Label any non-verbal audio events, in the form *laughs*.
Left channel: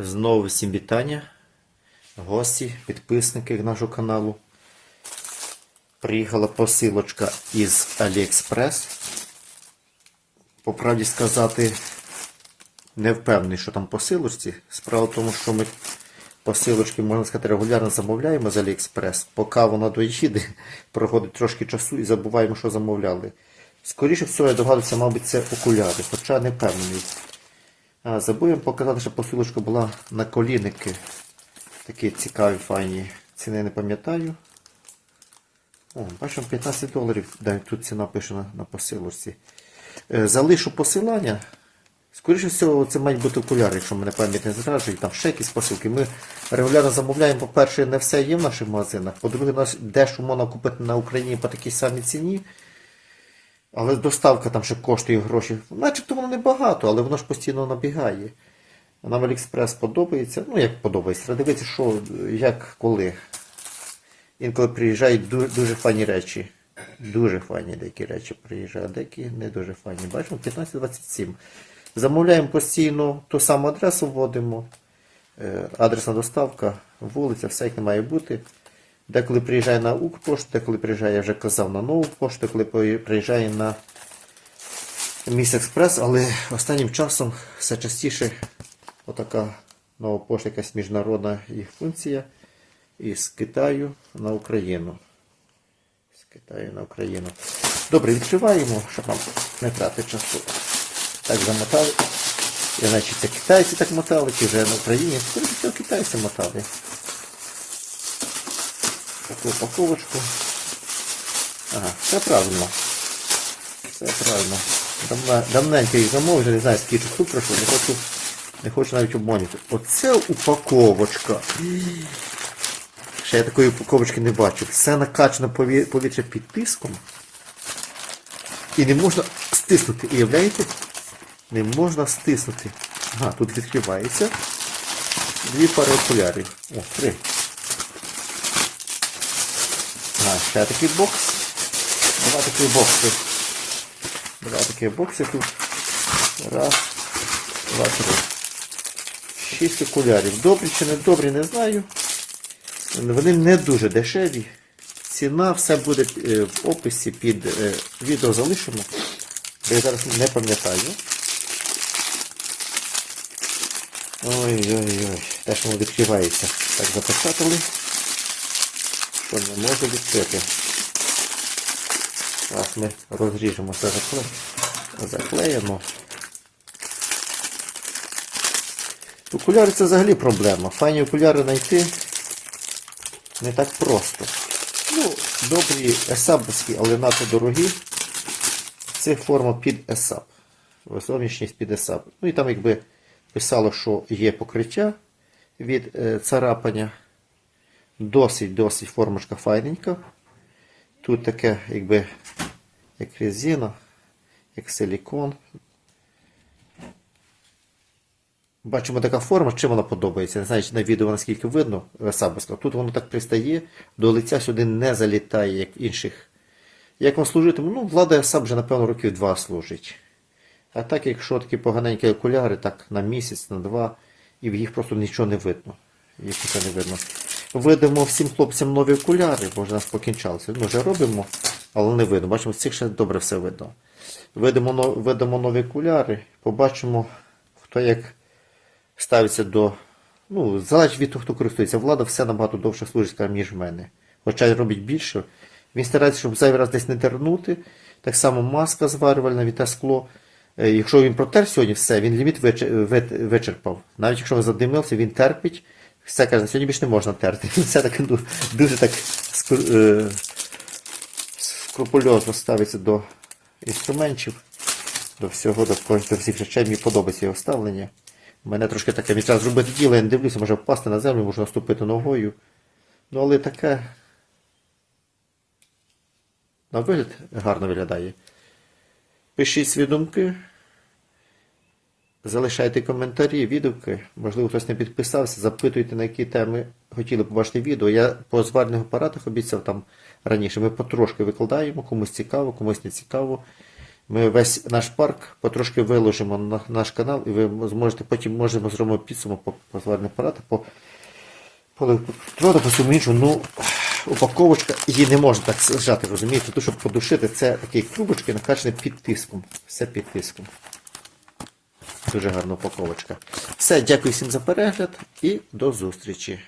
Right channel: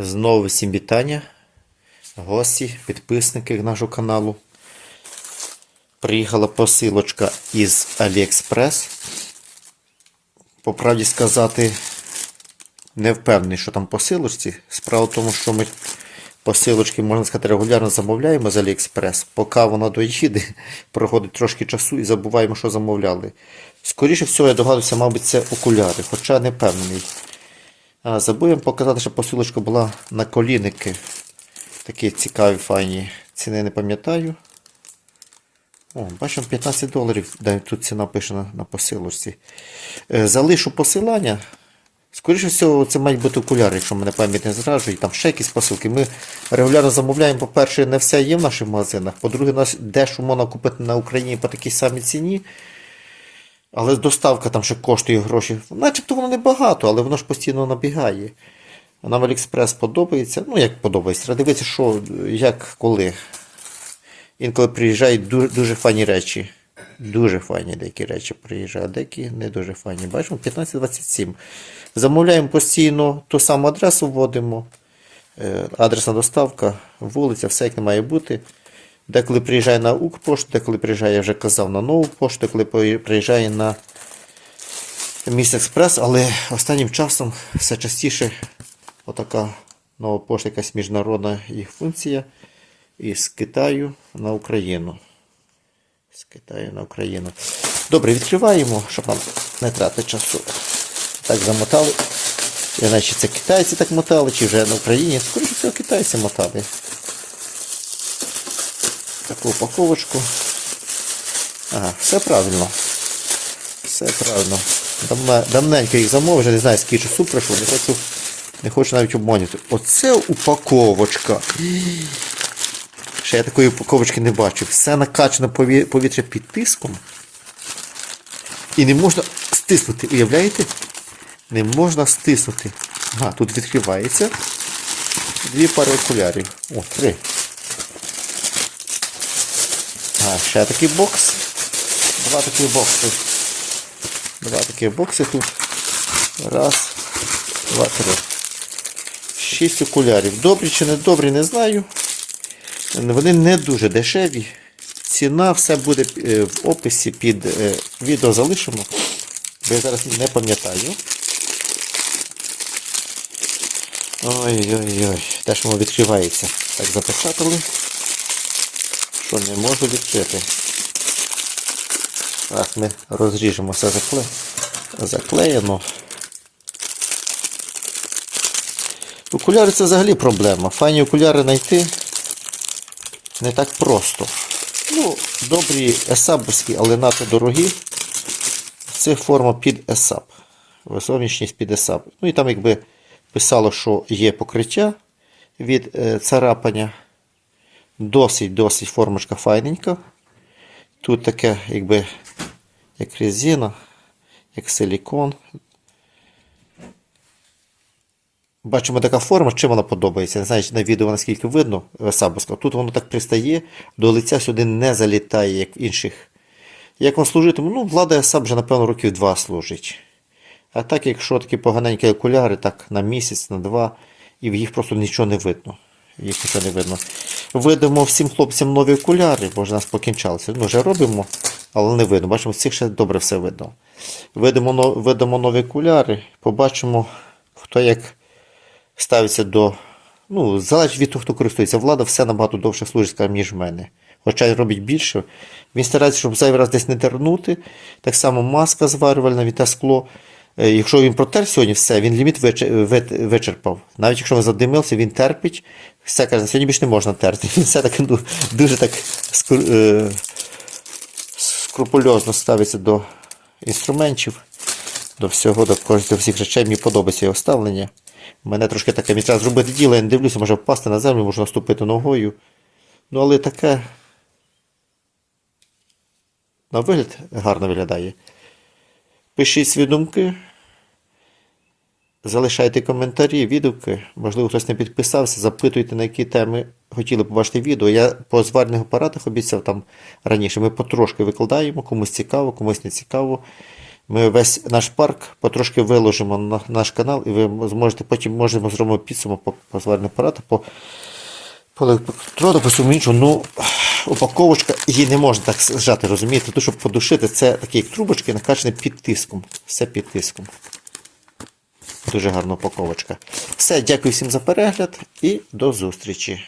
Знову всім вітання, гості, підписники нашого каналу. Приїхала посилочка із AliExpress. По правді сказати, не впевнений, що там посилочці. Справа в тому, що ми посилочки, можна сказати, регулярно замовляємо з AliExpress. Поки вона доїде, *laughs* проходить трошки часу і забуваємо, що замовляли. Скоріше всього, я догадуюся, мабуть, це окуляри, хоча не впевнений. Вам показати, що посилочка була на колінники. Такі цікаві, файні. Ціни не пам'ятаю. Бачимо 15 доларів. Тут ціна пише на, на посилочці. Е, залишу посилання. Скоріше всього, це мають бути окуляри, якщо мене пам'ять не зраджує. Там ще якісь посилки. Ми регулярно замовляємо, по-перше, не все є в наших магазинах. По-друге, нас дещо можна купити на Україні по такій самій ціні. Але доставка там ще коштує гроші. Начебто воно небагато, але воно ж постійно набігає. Нам Аліекспрес подобається. Ну, як подобається, треба дивитися, що, як, коли. Інколи приїжджають дуже, дуже файні речі. Дуже файні деякі речі приїжджають, деякі не дуже файні. Бачимо, 1527. Замовляємо постійно ту саму адресу вводимо. Е, Адресна доставка, вулиця, все як не має бути. Деколи приїжджає на Укрпошту, деколи приїжджає, я вже казав, на нову пошту, деколи приїжджає на Міст Експрес, але останнім часом все частіше отака нова пошта, якась міжнародна їх функція із Китаю на Україну. З Китаю на Україну. Добре, відкриваємо, щоб нам не тратити часу. Так замотали. Іначе це китайці так мотали, чи вже на Україні. Скоріше всього китайці мотали таку упаковочку. Ага, все правильно. Все правильно. Давненько їх замовив, вже не знаю, скільки часу пройшло, не хочу, не хочу навіть обманювати. Оце упаковочка. Ще я такої упаковочки не бачу. Все накачано повітря під тиском. І не можна стиснути, уявляєте? Не можна стиснути. Ага, тут відкривається. Дві пари окулярів. О, три. А, ще такий бокс. Два такі бокси. Два такі бокси тут. Раз, два, три. Шість окулярів. Добрі чи не добрі, не знаю. Вони не дуже дешеві. Ціна все буде е, в описі під е, відео залишимо. Бо я зараз не пам'ятаю. Ой-ой-ой. Теж воно відкривається. Так запечатали що не можу відкрити. Так, ми розріжемо все закле... заклеєно. Окуляри це взагалі проблема. Файні окуляри знайти не так просто. Ну, добрі есабовські, але надто дорогі. Це форма під есаб. Зовнішність під есаб. Ну і там якби писало, що є покриття від е, царапання. Досить-досить формочка файненька. Тут таке, якби, як резина, як силікон. Бачимо така форма, чим вона подобається. Не знаю, на відео наскільки видно Сабовська. Тут воно так пристає, до лиця сюди не залітає, як в інших. Як воно служитиме? Ну, влада сам вже, напевно, років два служить. А так, якщо такі поганенькі окуляри, так на місяць, на два, і в їх просто нічого не видно. Їх нічого не видно. Видимо всім хлопцям нові окуляри, бо вже нас покінчалися. Ми вже робимо, але не видно. Бачимо, з цих ще добре все видно. Видимо, видимо нові окуляри, побачимо, хто як ставиться до. Ну, залежить від того, хто користується. Влада все набагато довше служить, ніж в мене. Хоча робить більше. Він старається, щоб зайвий раз десь не тернути. Так само маска зварювальна, віта скло. Е, Якщо він протер сьогодні все, він ліміт вичерпав. Навіть якщо він задимився, він терпить. Все каже, сьогодні більше не можна терти. *laughs* Все таки ну, дуже так е, скрупульозно ставиться до інструментів, до всього, до, до всіх речей. Мені подобається його ставлення. Мене трошки таке, треба зробити діло, я не дивлюся, може впасти на землю, можна наступити ногою. Ну, але таке. На вигляд гарно виглядає. Пишіть свої думки. Залишайте коментарі, відгуки. Можливо, хтось не підписався, запитуйте, на які теми хотіли побачити відео. Я по зварних апаратах обіцяв там раніше. Ми потрошки викладаємо, комусь цікаво, комусь не цікаво. Ми весь наш парк потрошки виложимо на наш канал, і ви зможете потім можемо зробимо підсумок по, по зварним апарату, по, по електроду, по всьому іншому. Ну, упаковочка, її не можна так зжати, розумієте? Тут, щоб подушити, це такі трубочки, накачані під тиском. Все під тиском. Дуже гарна упаковочка. Все, дякую всім за перегляд і до зустрічі.